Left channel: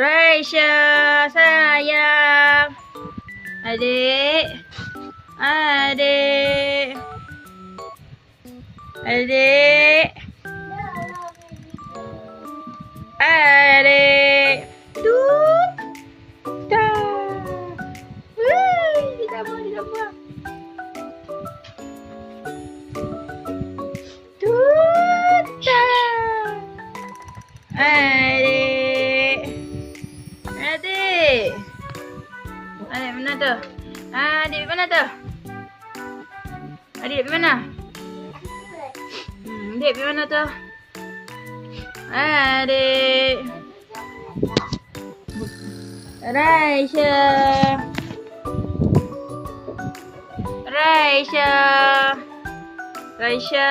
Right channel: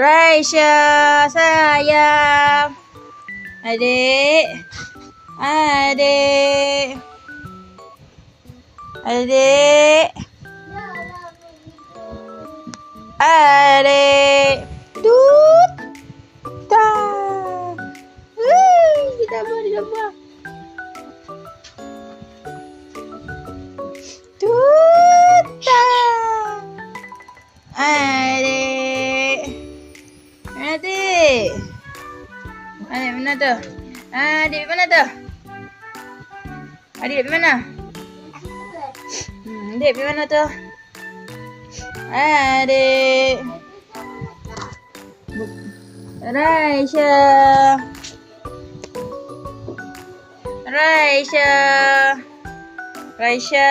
Raisya sayang. Adik. Adik. Adik. Adik. Tut. Ta. Ditambah. Tut. Ta. Adik. Adik. Adik mana tu? Adik mana tu? Adik mana? Adik mana tu? Adik. Raisya. Raisya. Raisya.